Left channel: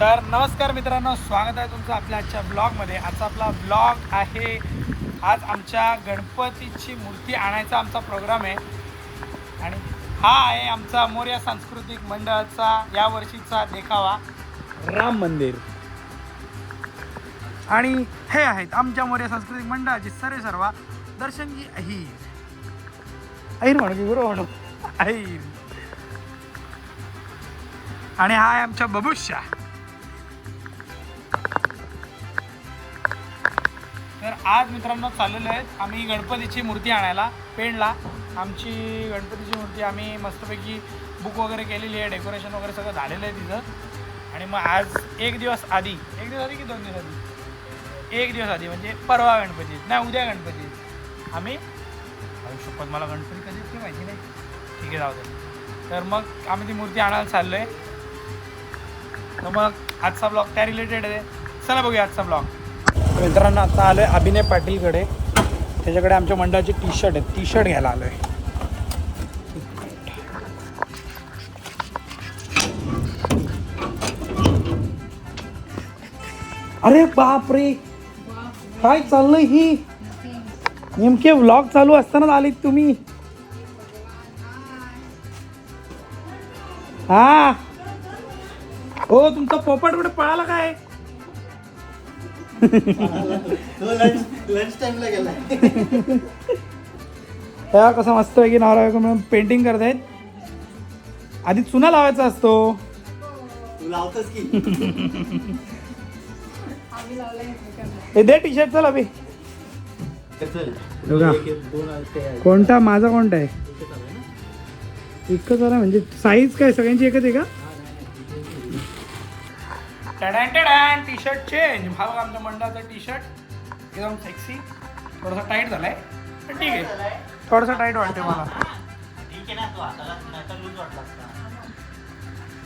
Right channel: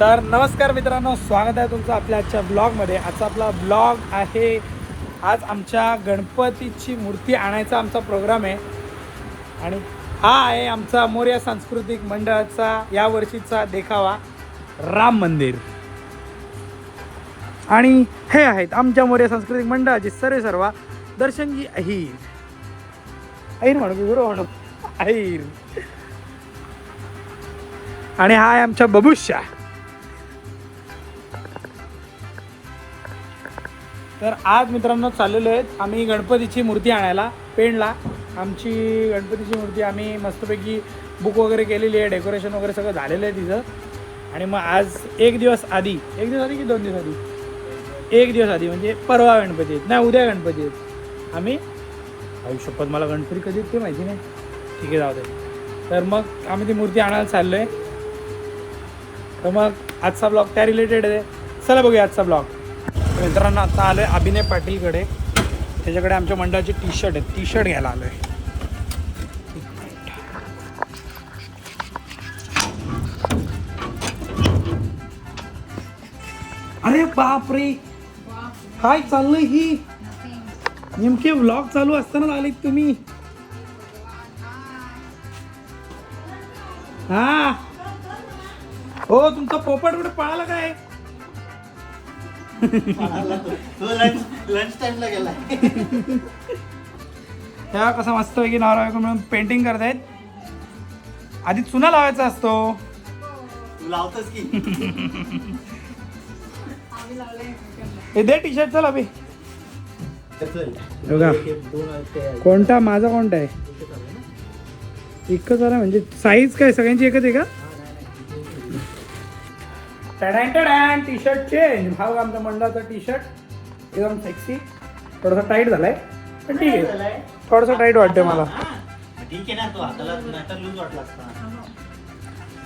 तर नमस्कार मित्रांनो, स्वागत आहे तुमचं आपल्या आजच्या ब्लॉगमध्ये. आजचा आपला ब्लॉग आहे. आज आमच्या गणपतीची मूर्ती आणायचा आमचा प्रोग्राम आहे आणि हा आहे आमचा मोरया सांस्कृतिक मंडळाचा यावर्षीचा देखावा, राम मंदिर. आणि हे आहेत आमच्या मोरया सांस्कृतिक मंडळाचे सर्वा दर्शनजी अहिर. अहिर म्हणू बरोबर अहिर. आणि हा आहे आमच्या बबुशा. तर आज मित्रांनो चाललेलो आहेत आम्ही गणपतीची मूर्ती आणायला पेणला. आमची गणपतीची मूर्ती आम्ही मस्तपैकी बुक वगैरे केलेली आहे, डेकोरेशन वगैरे सगळं झालेलं आहे तिथं. आणि मग आज एक दिवस आधी की 2 दिवस आधी, 1 दिवस आधी म्हणजे परवा गणपती आहेत, नाही उद्या गणपती आहेत. आम्ही शपथ मला गणपती कधी ते माहिती नाही, ठीक आहे जाऊ दे. तर मग आम्ही ती मूर्ती आणायला चाललो आहे. तर मग आजचा ब्लॉग त्या रिलेटेड आहे. चला बघूया आजचा ब्लॉग. मित्रांनो आता आलो आहे अभिनय पाटीलकडे. त्याच्याकडे आमच्या मंडळाचे टी शर्ट आहेत, टी शर्ट घ्यायला आलो आहे. अरे बापरे, काय चाललंय ही? नेमके व्लॉग चालू असताना आलीत तुम्ही? हा हो, तुमचा पोपट कुठे पळाला काय? लंच टाइमला गेला. तेव्हा कसं मस्त पैकी नवरा बायको म्हणून पेंटिंग करतायत. आधी चुना लावायचा असतो. तू लावतोस की? हे दे टी शर्ट. चल अभि बघा कोणता माझा कोणता आहे? एकच आला म्हणजे साईज काय सगळ्यांची एकच आहे का? T shirt change. हा बघा आमच्या मंडळाचा टी शर्ट एकदम सेक्सी. थोडासा टाईट झालाय पण ठीक आहे, थोडंसं टाईट वाटतंय मला.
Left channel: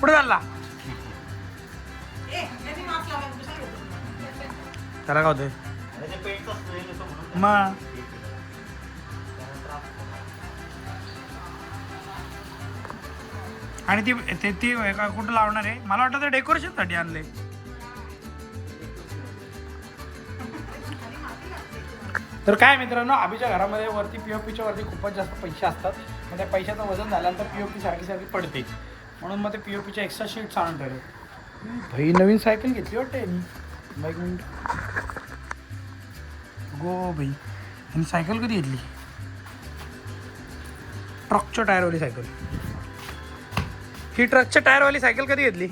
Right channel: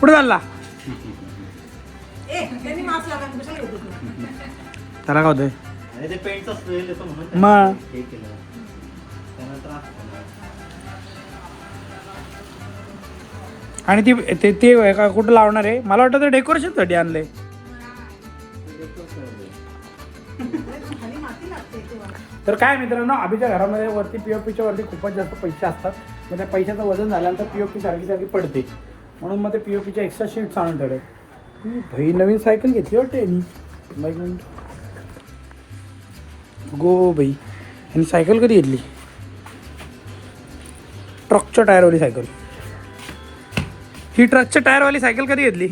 पुढे चालला त्याला काय होतंय मग. आणि ते ते का कुठं लावणार आहे? मला वाटतं ते डेकोरेशनसाठी आणलंय. तर काय मित्रांनो, अभिच्या घरामध्ये वरती पीओपीच्या वरती खूपच जास्त पैसे असतात. तर त्या पैशाचं वजन झाल्यानंतर पीओपी सारखी पडते, म्हणून मग ते पीओपीच्या एक्स्ट्रा शीट्स आणून ठेवतात. भाई नवीन सायकल घेतली वाटते मी. गो भाई. आणि सायकल कधी घेतली? ट्रकच्या टायरवाली सायकल. ही ट्रकच्या टायरवाली सायकल कधी घेतली?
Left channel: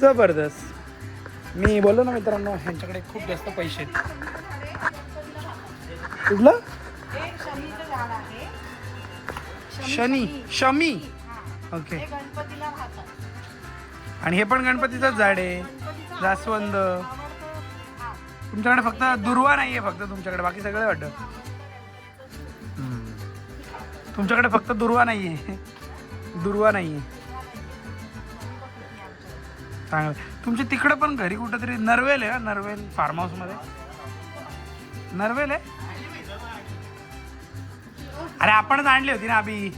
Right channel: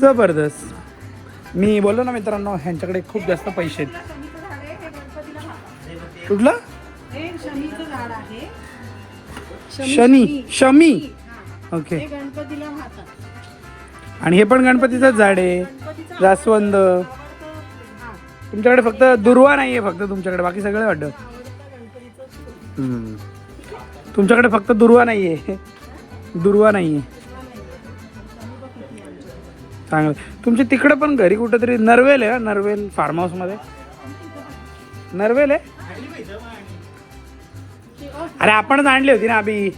जबरदस्त. मी बोललो ना मित्रांनो, ह्यांच्याकडे खूप जास्त पैसे आहेत. कुठलं? शमी. ओके. आणि हे पण गणपतीचंच झाड आहे, जास्वंद. तुमच्याकडे फक्त दुर्वा नाही आहे, फक्त तुमच्याकडे बाकी सगळं वाटतं. तुमच्याकडे फक्त दुर्वा नाही आहे. चांगलं. तुमच्या तिकडं पण घरी कुठंतरी नरवेल आहे, नरवेल फार्म हाऊसमध्ये नरवेल आहे. अरे आपणच आणली होती ना अभि.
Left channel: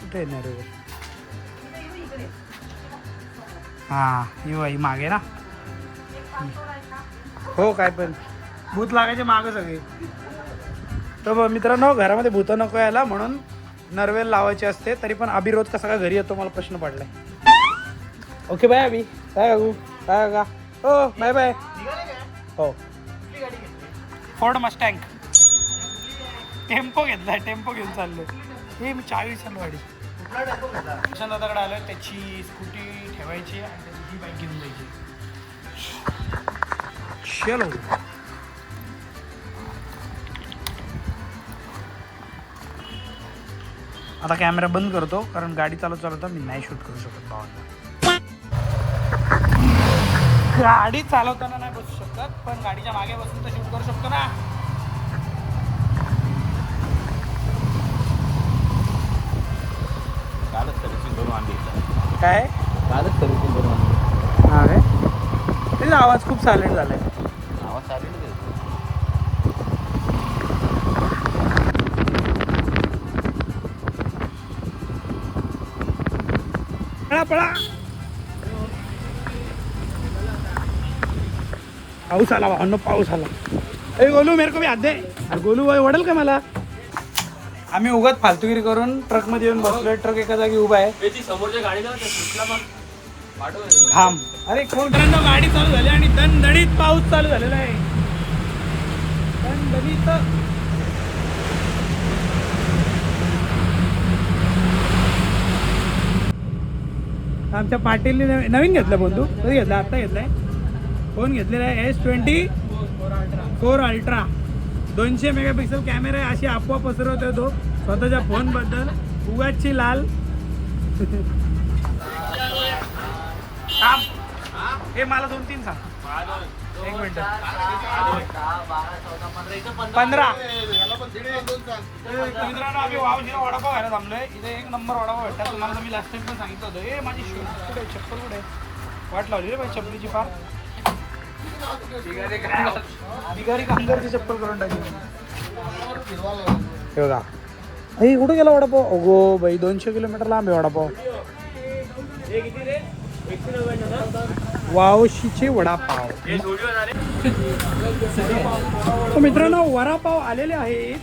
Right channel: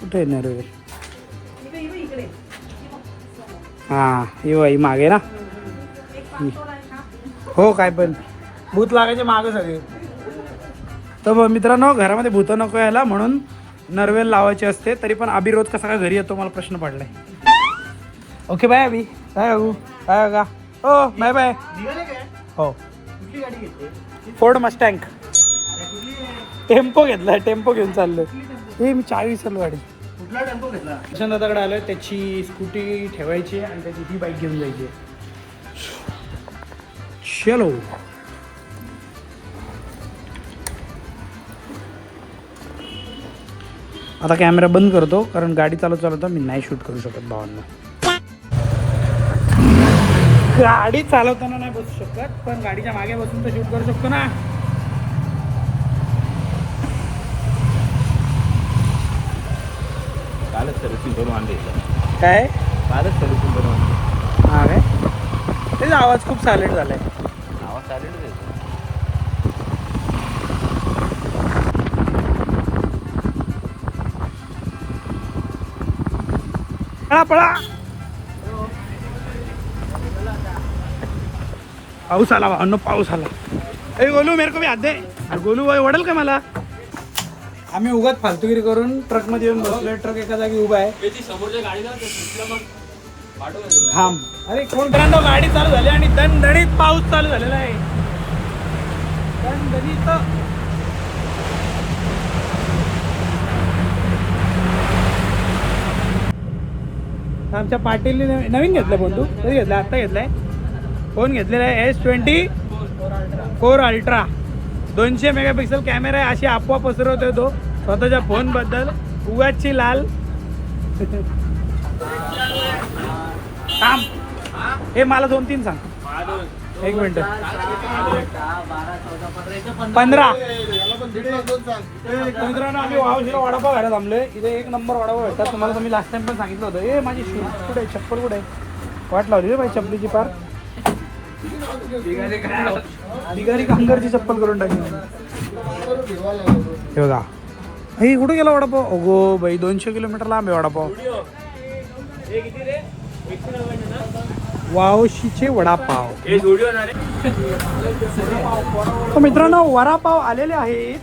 कुठे आहे नरवेल? हां ही मागे ना. हो काय पण भूत लागायचे मागं सगळे. तर मित्रांनो, घरामध्ये भूत नको यायला म्हणून नरवेल लावायची असते. तरी पण अभि रोज कसा काय घरी येतो मला प्रश्न पडलाय. ओके बाय अभि. बाय बाबू. बाय का? हो बाय बाय. हो फोर्ड मस्टँग टेम्पो घेतला. टेम्पो घेऊन चाललोय. हे मी 40 गाडी दादाकडे आलोय. त्याची स्कूटी ठेवायची आणि त्याची ही बाईक घेऊन जायची. चलो. आता कॅमेरा बंद करतो कारण गाडी चालवता मी नाही शूट करू शकत भावांना. गाडी चालवताना नाही बसू शकत, पण गाडीच्या मागे बसून तर शूट करू शकतो ना. काय अरे आवाज खूप सायलेंट झालाय. पळा पळा. पाऊस आला भावनो, पाऊस आला. ए गोलू मेरे को भी हात दे. गोलू भाई वडेल का मला? आम्ही उगाच फालतूगिरी करून ट्रक मध्ये येऊन बसलोय. ट्रक एका जागी उभा आहे. घाम. अरे कोणत्या गाडी चालू झाली आणि दणदणीत पाऊस चालू झालेला आहे. आमच्या पाटीलने नवीन घेतला फोन. तू कधी घेतला? आत्ता घेतलाय फोन. घेतलेला आहे S24 अल्ट्रा. 200 मेगापिक्सल कॅमेरा आहे. अशी अफवा पसरवतोय तो स्वतःच्या फोन बद्दल. उगाची लाल. हे मला 2-3 सांग. 1 मिनिट. 15. मित्रांनो आम्ही वावशिरा वडापाव घायला थांबलोय. इथे 1 नंबर वडापाव भेटतात. तुम्हाला मी लास्ट टाइम पण सांगितलं होतं. ए माझी शूज कुठे आहे? चप्पल कुठे आहे? वाट लावली रे माझी चप्पलीची पार. बिगारी कामगारची चप्पल करून टाकली. हे बघा. हे कुठे गेला वडापाव? हो भाई 200 किलोमीटर लांब आहे वडापाव. वावशीचे वडापाव. मित्रांनो वडापाव आलेले आहेत.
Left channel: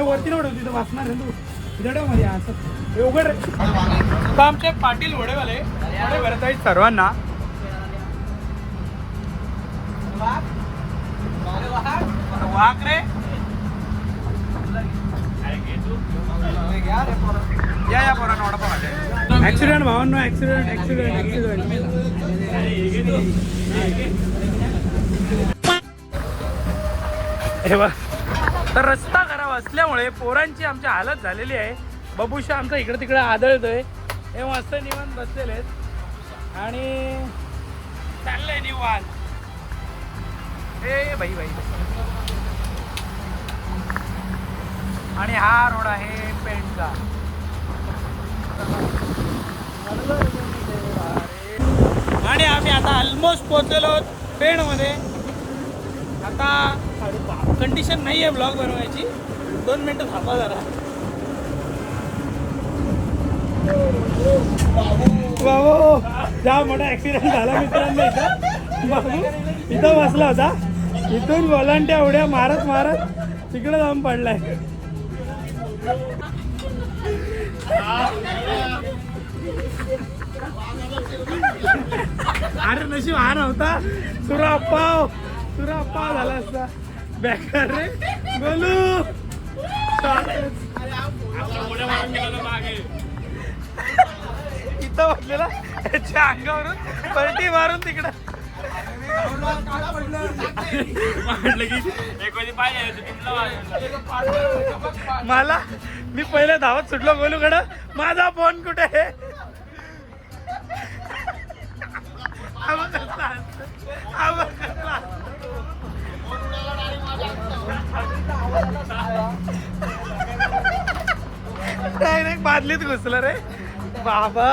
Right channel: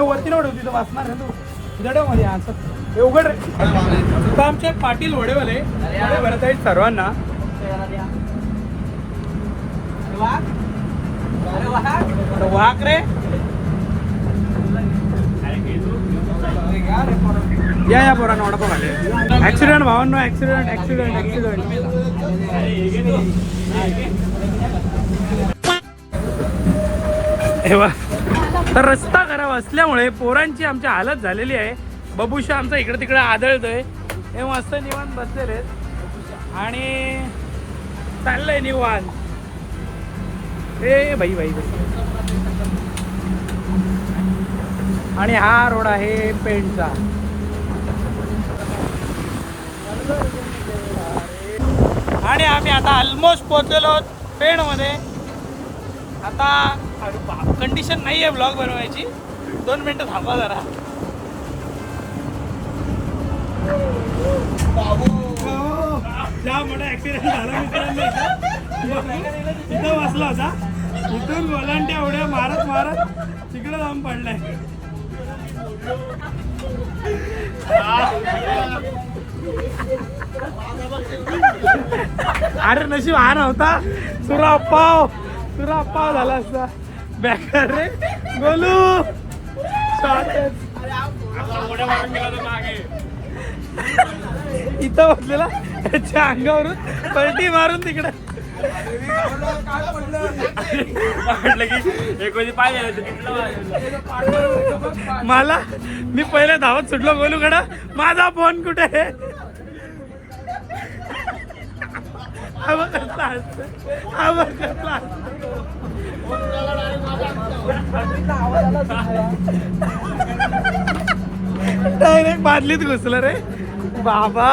वरती वाचणार जडमध्ये हे उघड. आमचे पाटील वडेवाले भरत आहेत सर्वांना. वाक रे. या पोरांना वडापाव आले. ऍक्सिडेंट भावांनो, ऍक्सिडेंट. तर रस्ता खराब असल्यामुळे पोरांची आमची हालत झालेली आहे. बबुशा आमचा इकडे तिकडे आदळतोय. हे मस्त निवांत बसलेले आणि चाललंय निवांत. हे भाई. आणि हा रोड आहे पेणचा. आणि आम्ही आता ऑलमोस्ट पोहोचलेलो पेणमध्ये. आता कंडिशन नाही आहे ब्लॉग बनवायची. 2 मिनिटं थांबा जरा. ज्या मोठा ऍक्सिडेंट झाला मित्रांनो. इथं बसला होता. इथून वॉलंट्या उड्या मारत तिकडे जाऊन पडलाय. अरे नशीब हा नव्हता. सुरापाव झाला असता. बॅकर रे गोलू. इथं बसलेला त्याच्या अंगावरून पलटी मारून तिकडे म्हटलं की मला. मी पहिले धावत सुटलो गोलूकडं. माझा फोन कुठे आहे? डायरेक्ट बादलीत घुसलं रे बाबा.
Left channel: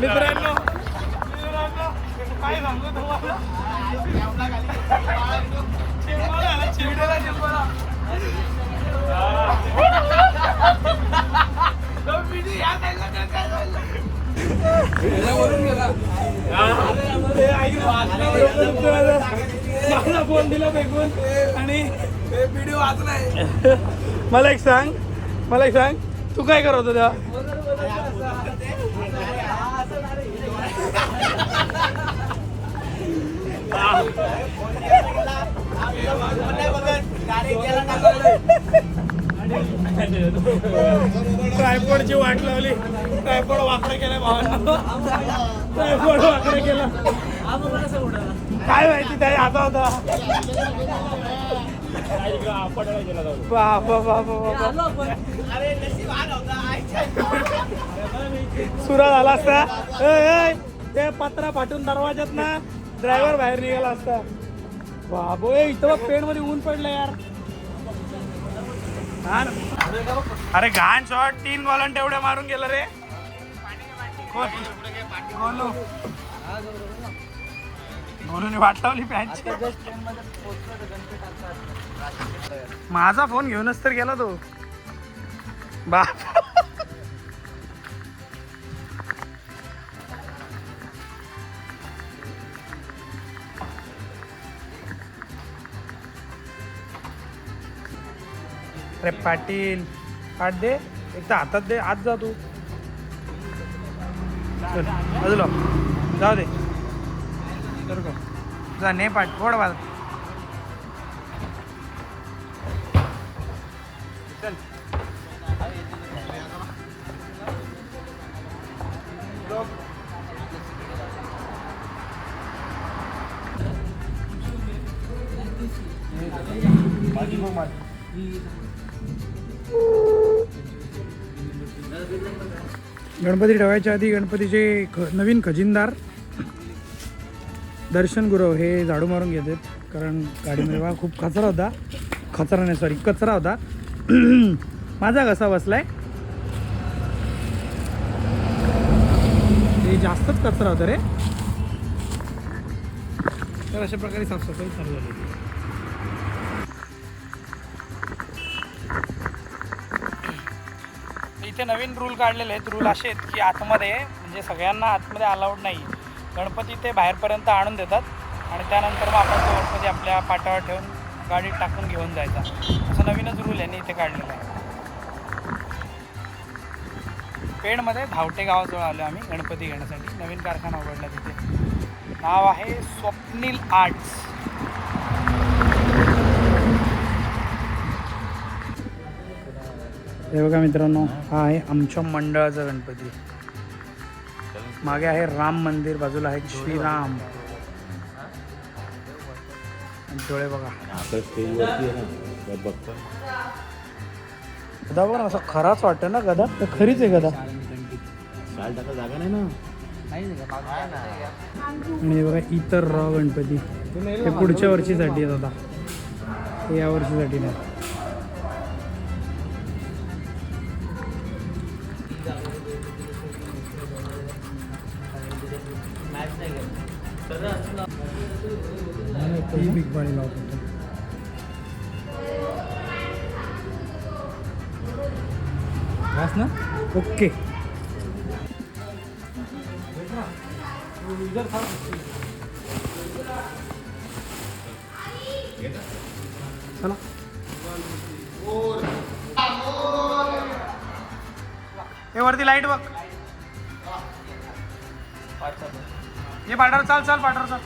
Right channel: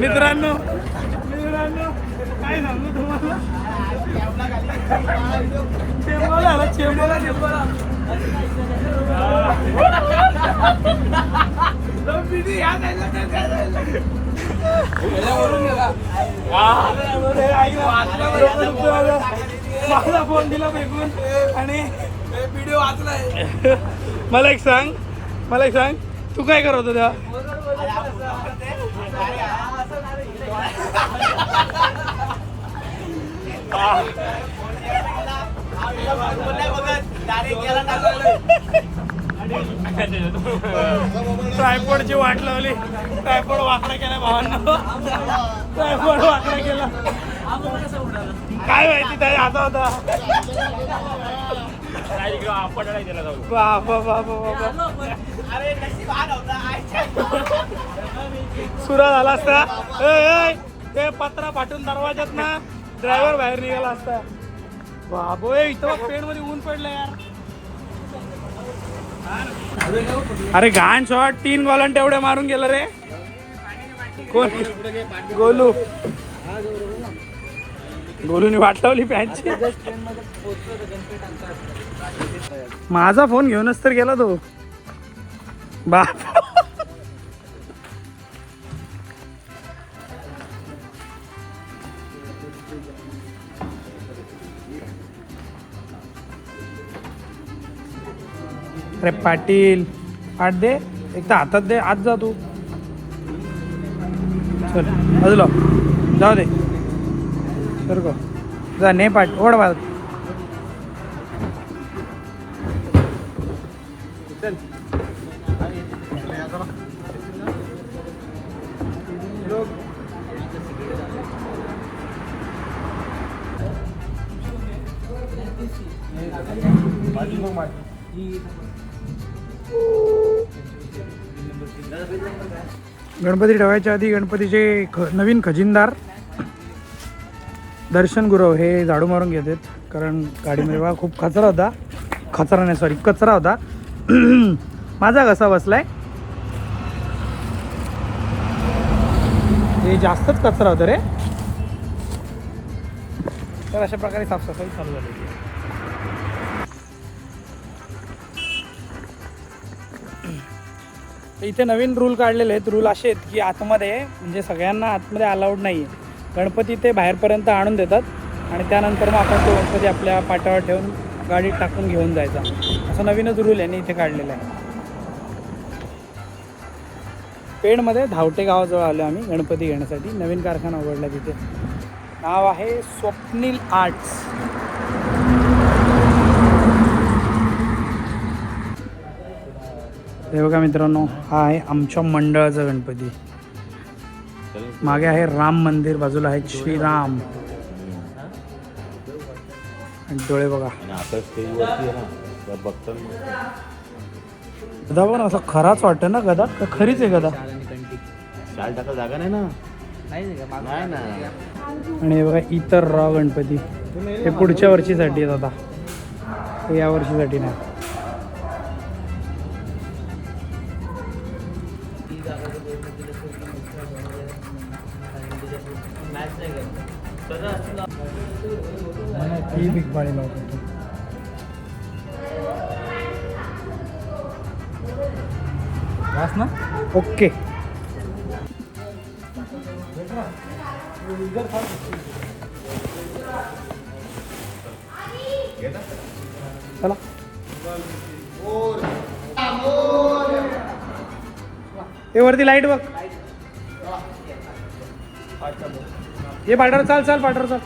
मित्रांनो काय सांगू तुम्हाला. चेंबोला आला. मला फोन दिला फेकून आणि व्हिडिओ वाचलाय. मला एक सांग तू काय करत होता? ट्रायपॉडची वाट लावली. ट्रायपॉड वाकडा केला भावांना. ट्रायपॉड वाकडा केला. काय माहिती ताई आता होता. सुरा झाला असता. ते पत्रा फाटून दरवाजात ना ड्रायव्हर बाहेर निघाला असता. बाबो इथं पेन मध्ये ऊन पडलं यार. अरे घाण शॉट. 3 गोलांटे एवढे मारून गेलं रे. कोण? गोलू. गोलूने वाटवली पॅन्टची. माझा फोन घेऊनच तर गेला तो. बाप अरे पाटील आठ दे, एक तर हातात दे, आत जा तू. चल बाजूला जाऊ दे. तर का जा ने पाट ओढ बाजू. गणपती ठेवायच्या आधी गणपतीचे नवीन खजिनदार दर्शन गुरव हे झाडू मारून घेतात, कारण गाडीमध्ये बघा खूप कचरा होता. कचरा नाही सॉरी कचरा होता. माझा कसा बसलाय, हे जास्तच कचरा होता रे. तर अशा प्रकारे साफसफाई चालू झाली. इथे नवीन रूल काढलेले आहेत. रूल असे आहेत की आतमध्ये म्हणजे सगळ्यांना आतमध्ये अलाउड नाही. गणपती ते बाहेरपर्यंत आणून देतात आणि त्यानंतर मग आपण तो गणपती आपल्या पाटावर ठेवून गाडीत टाकून घेऊन जायचा. असं नवीनच रूल यांनी इथे काढलेला आहे. पेणमध्ये धावटे गावाजवळ आलो आम्ही गणपती घेण्यासाठी. नवीन कारखाना उघडला तिथे. नाव आहे स्वप्नील आर्ट्स. हे बघा मित्रांनो, हा आहे आमच्या मंडळाचा गणपती. मागे आहे राम मंदिर, बाजूला आहे श्रीराम. डोळे बघा. गदा पण असं खराच वाटतं ना. गदा तर खरीच आहे गदा. जागा नाही ना. आणि हे बघा इतर राव गणपती, हे पुढच्या वर्षीसाठी आहेत आता, हे या वर्षीसाठी नाही. ओके चला. हे वरती लाईट बघ. ये पाटर चाल चाल पाटर चाल.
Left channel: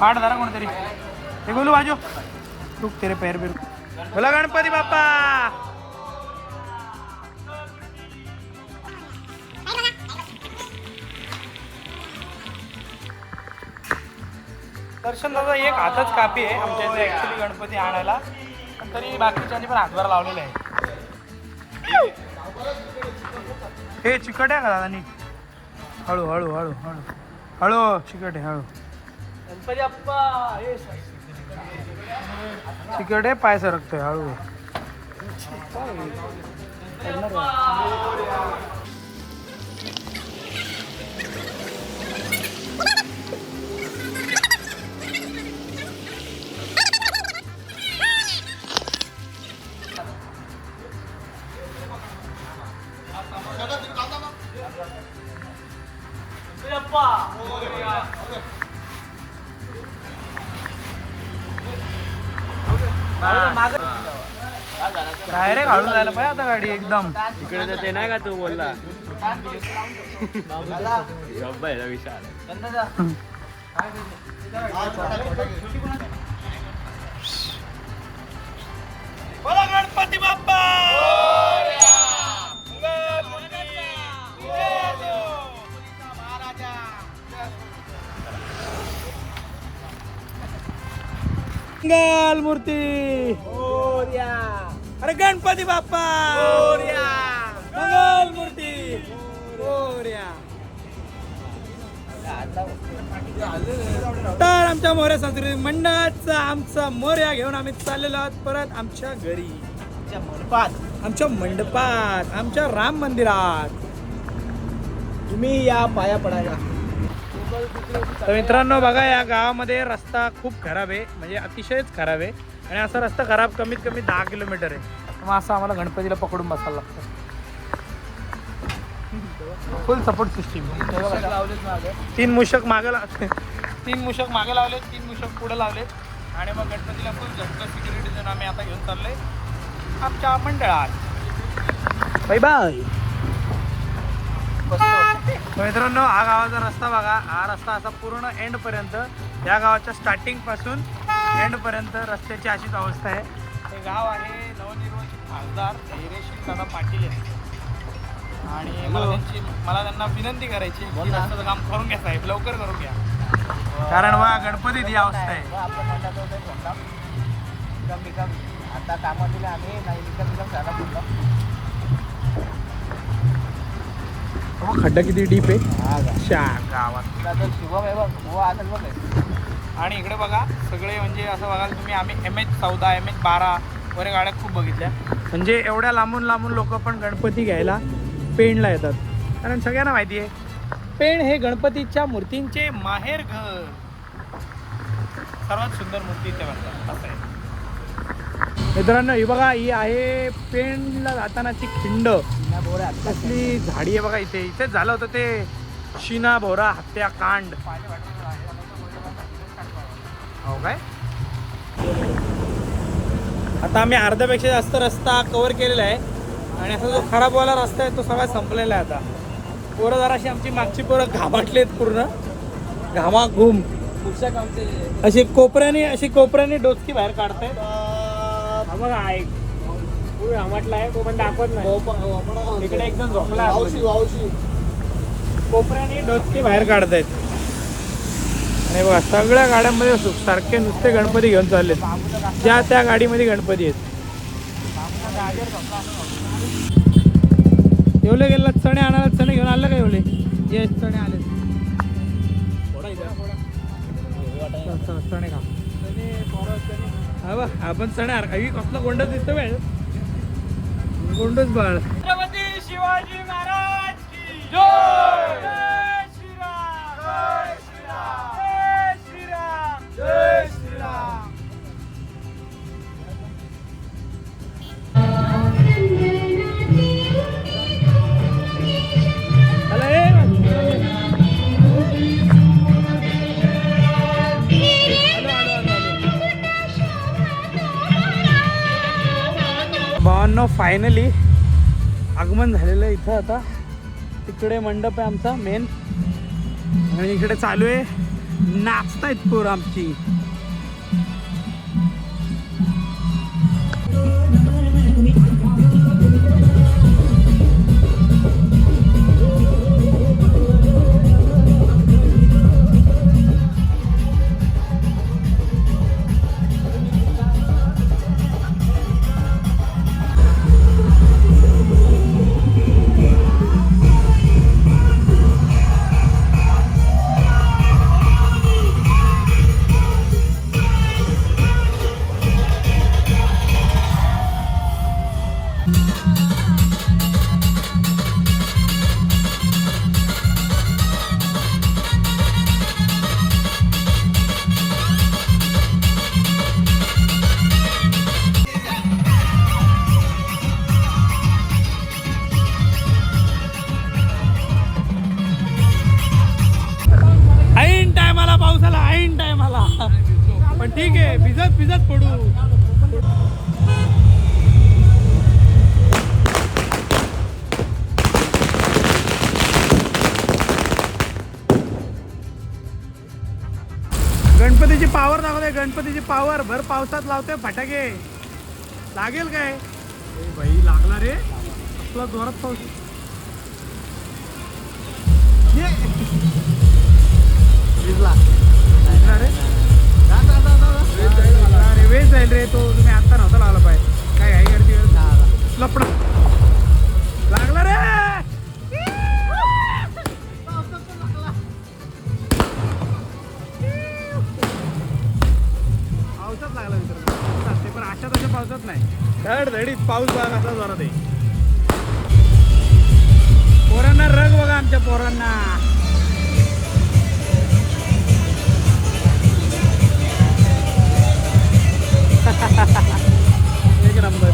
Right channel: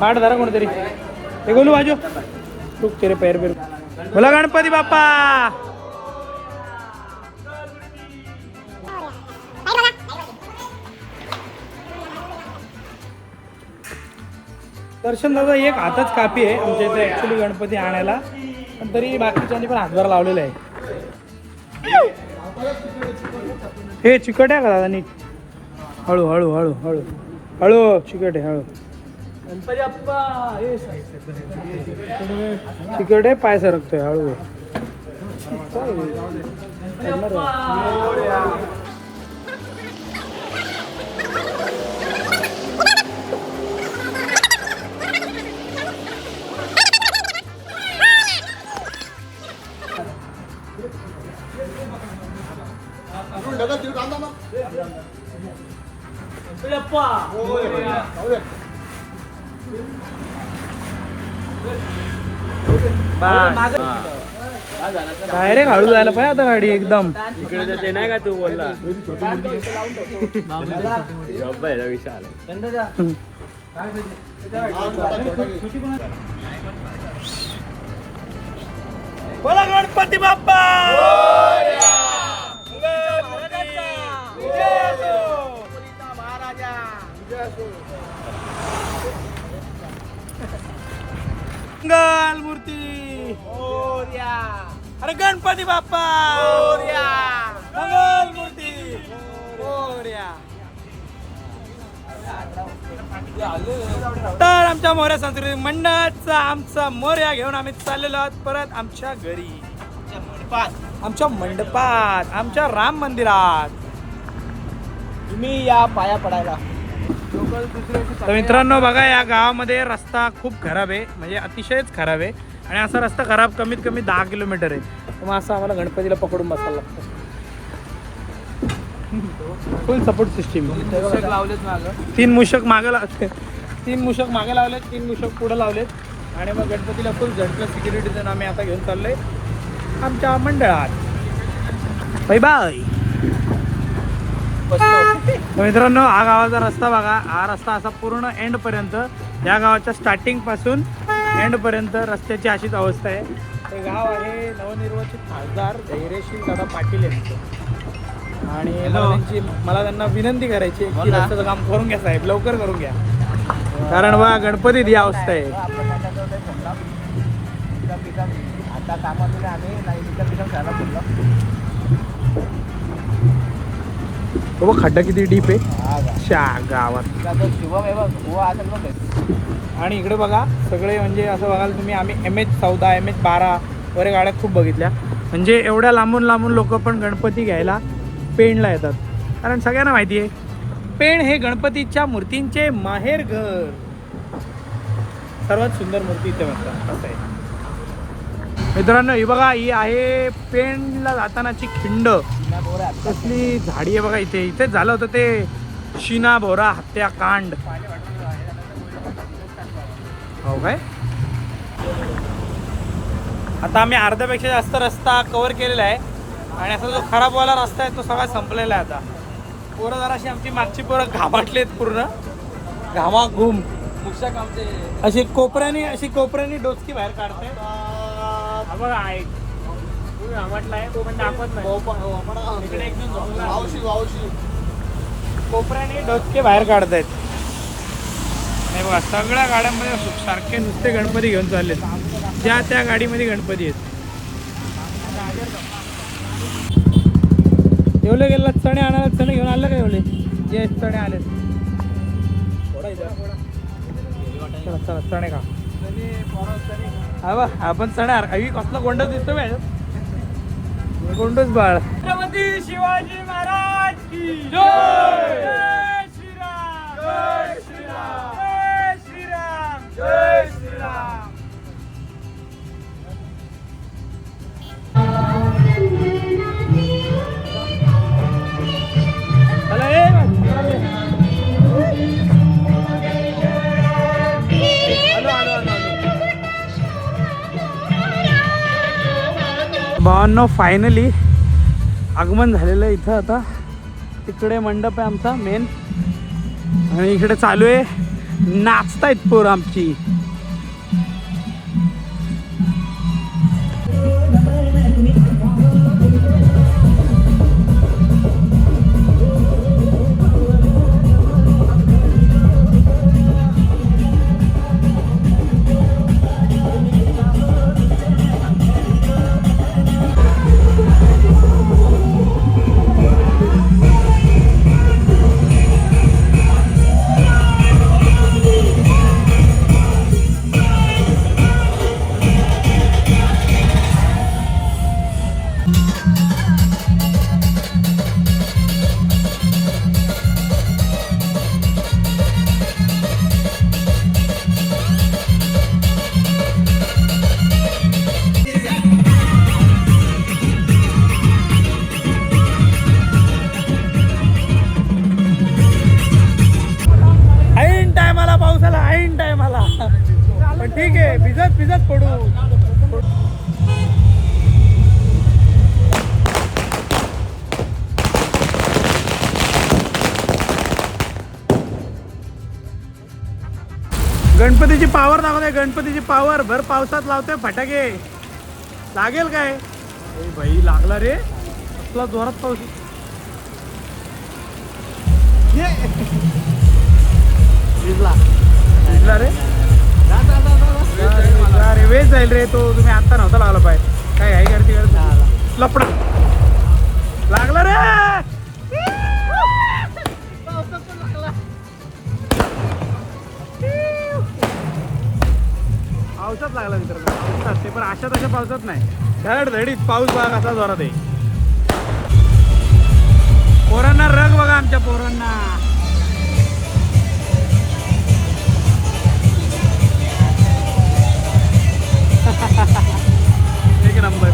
पाठ धरा कोणतरी. हे गोलू बाजू तू तेरे पैर बिर. बोला गणपती बाप्पा. दर्शन दादा एक हातच कापी आहे आमच्या इथे ॲक्च्युली गणपती आणायला, पण तरी बाकीच्यांनी पण हातभार लावलेला आहे. हे चिकट आहे का दादा नीट. हळू हळू हळू हळू हळू चिकट आहे. हळू चिकट आहे, पाय सरकतोय. हळू काय रे हळू जायला पाहिजे आता गाडी एकदम. इकडे जाते नाही का तू बोलला. बोला गणपती बाप्पा. मंगल मूर्ती. अरे गणपती बाप्पा. मंगल मूर्ती मोरया. तर आमच्या मोरया सांस्कृतिक मंडळाचा आमचा मोरया घेऊन आम्ही चाललेलो आहोत परत आमच्या घरी, आमच्या मंडपात, आमच्या राम मंदिरात. तुम्ही या पाया पडायला. तर मित्रांनो बघा, या गावामध्ये रस्ता खूप खराब आहे, म्हणजे अतिशयच खराब आहे. आणि असा रस्ता खराब कमीत कमी 10 किलोमीटर आहे. तर मग असं आम्हाला गणपतीला पकडून बसायला लागतं. फुल सपोर्ट सिस्टीम. 3 मूषक मागे लावले, 3 मूषक मागे लावलेत, 3 मूषक पुढे लावलेत. आणि मग गणपतीला फुल झटका सिक्युरिटी देऊन आम्ही आता घेऊन चाललोय आमच्या मंडळात. Bye bye. मित्रांनो, हा गावाचा रस्ता बघा. हा रस्ता असा पूर्ण एंड पर्यंत, या गावाच्या स्टार्टिंग पासून एंड पर्यंत रस्त्याची अशीच अवस्था आहे. हे गाव आहे नवनिर्वाचित खासदार धैर्यशील दादा पाटील यांचं. आणि मला त्यांना विनंती करायची आहे की रस्त्याचं काम करून घ्या साहेब, लवकर करून घ्या. कारण बघा गणपतीत ही अवस्था आहे. बघ खड्डा किती डीप आहे गावात. आणि इकडे बघा सगळे, म्हणजे असं बघाल तुम्ही, आम्ही MH14 MH12 वगैरे गाड्या खूप बघितल्या. म्हणजे एवढ्या लांबून लांबून लोक पण गणपती घ्यायला पेणला येतात. कारण सगळ्यांना माहिती आहे पेण हे गणपतीच्या मूर्तींचे माहेर घर. सर्वात सुंदर मूर्ती इथे असतात असं आहे. मित्रांनो ही बघा, ही आहे पेणला जातानाची खिंड. कसली झाडी आहे बघा. इथे झालं होतं ते शिना भोरा हत्याकांड. हो काय. आता आम्ही अर्ध्यापेक्षा जास्त रस्ता कव्हर केलेला आहे. आणि असा जो खराबवाला रस्ता आहे तो सगळा संपलेला आहे. आता पोरं जराशी आमची मागची पोरं घामाटलेत, पूर्ण घामाघूम. अशी कोपऱ्याने डोचकी बाहेर काढताय. हा बघा ऐक, घामाटला आहे तो पण दाखवत नाही. इकडे एकदम झोपला, कोपऱ्याने डोचके बाहेर काढतायत. आणि बघा सगळ्या गाड्यांमध्ये सारखे नुसते गणपती घेऊन चाललेत. ज्या त्या गाडीमध्ये गणपती आहेत. येवले गेला चणे आणायला, चणे घेऊन आलं का येवले? ये चणे आले. चणे का हा बा, आपण चणे हवी कसलं गोंडच दिसतो काय गोंडच बाळ. छत्रपती शिवाजी महाराज की जय. जय श्रीराम, जय श्रीराम, जय श्रीराम. भावांनो फायनली आगमन झालेलं आहे इथं. आता तिकडे मंडप आहे आमचा मेन. आणि इकडे चालू आहे, नाचतायत पोरं आमची. पण ठीक आहे, भिजत पडू. गणपतीची पावर दाखवते, गणपतीची पावर. भर पावसात लावते फटाके, लागेल काय? भाई लागला रे, आपला जोरात पाऊस. भिजला रे, अरे वेळ जाईल रे तो. तुम्ही आता नव्हता लागला पाहिजे. काय घाई करते लपडा लागला रे. पावसात लागला मित्रांनो, पावसात ते पण अशा तशा पावसात नाही, धडधडीत पाऊस बघा कसा जोरात आहे. पोरांना रंग बघा आमच्या पोरांना. एक नंबर.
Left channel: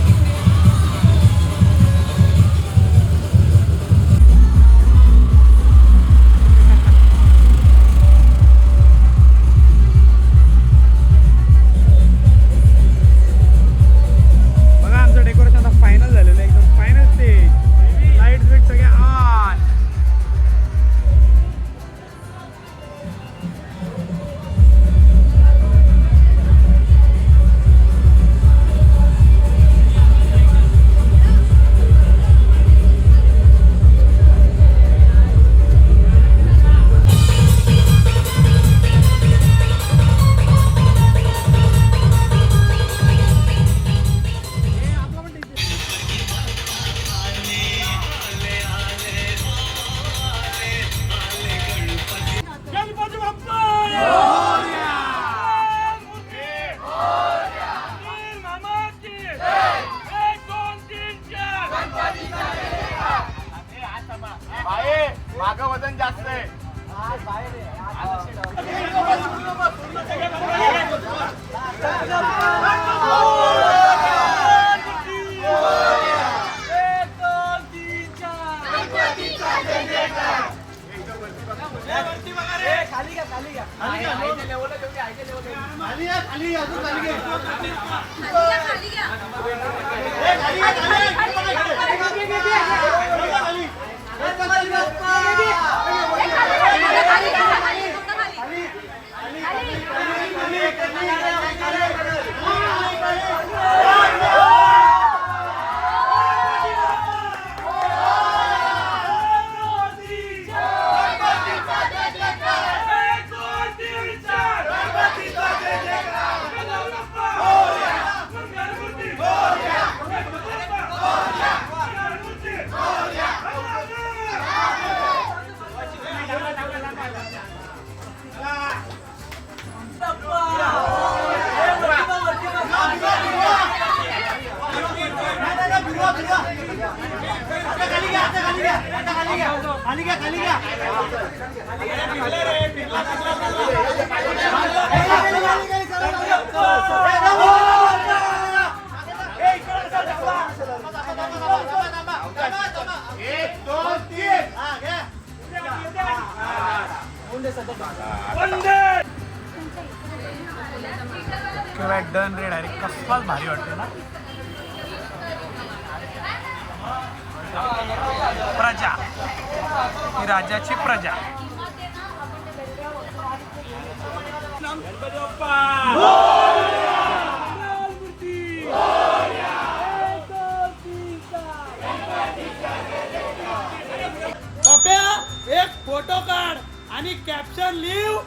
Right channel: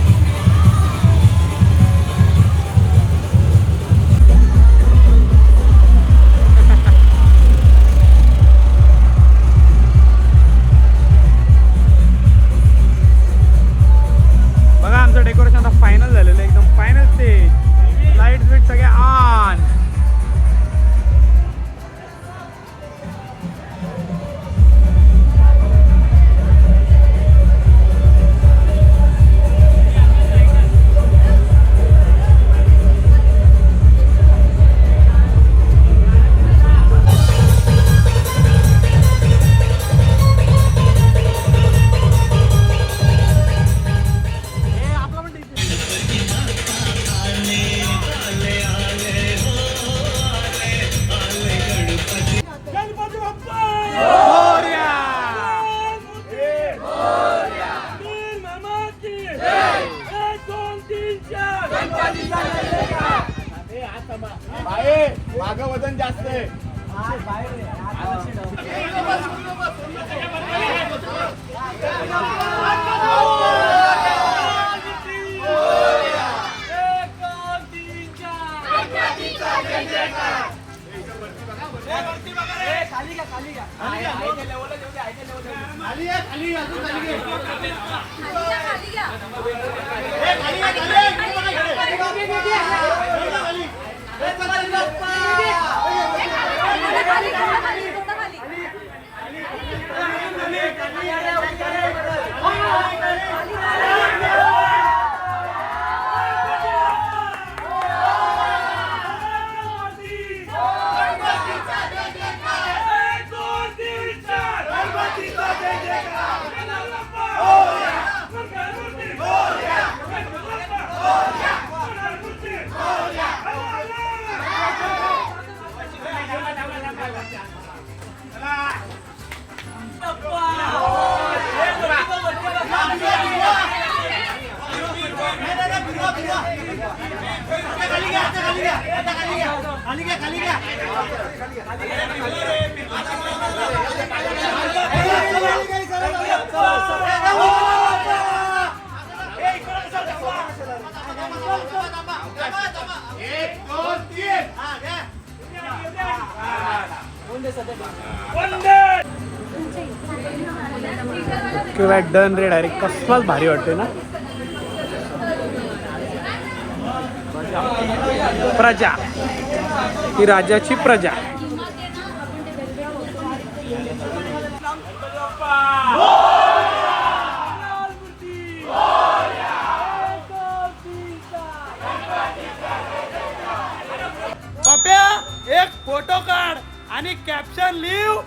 बघा आमचं डेकोरेशन आता फायनल झालेलं आहे, एकदम फायनल स्टेज. लाईट बिट सगळे ऑन. मागं वजन जास्त आहे. किंवा डन रे डायरेक्ट कसलाच भारी वाटते ना. प्रजा ही राजाची प्रजा. पप्या एक फोटो काढ आणि कॅप्शन लिव.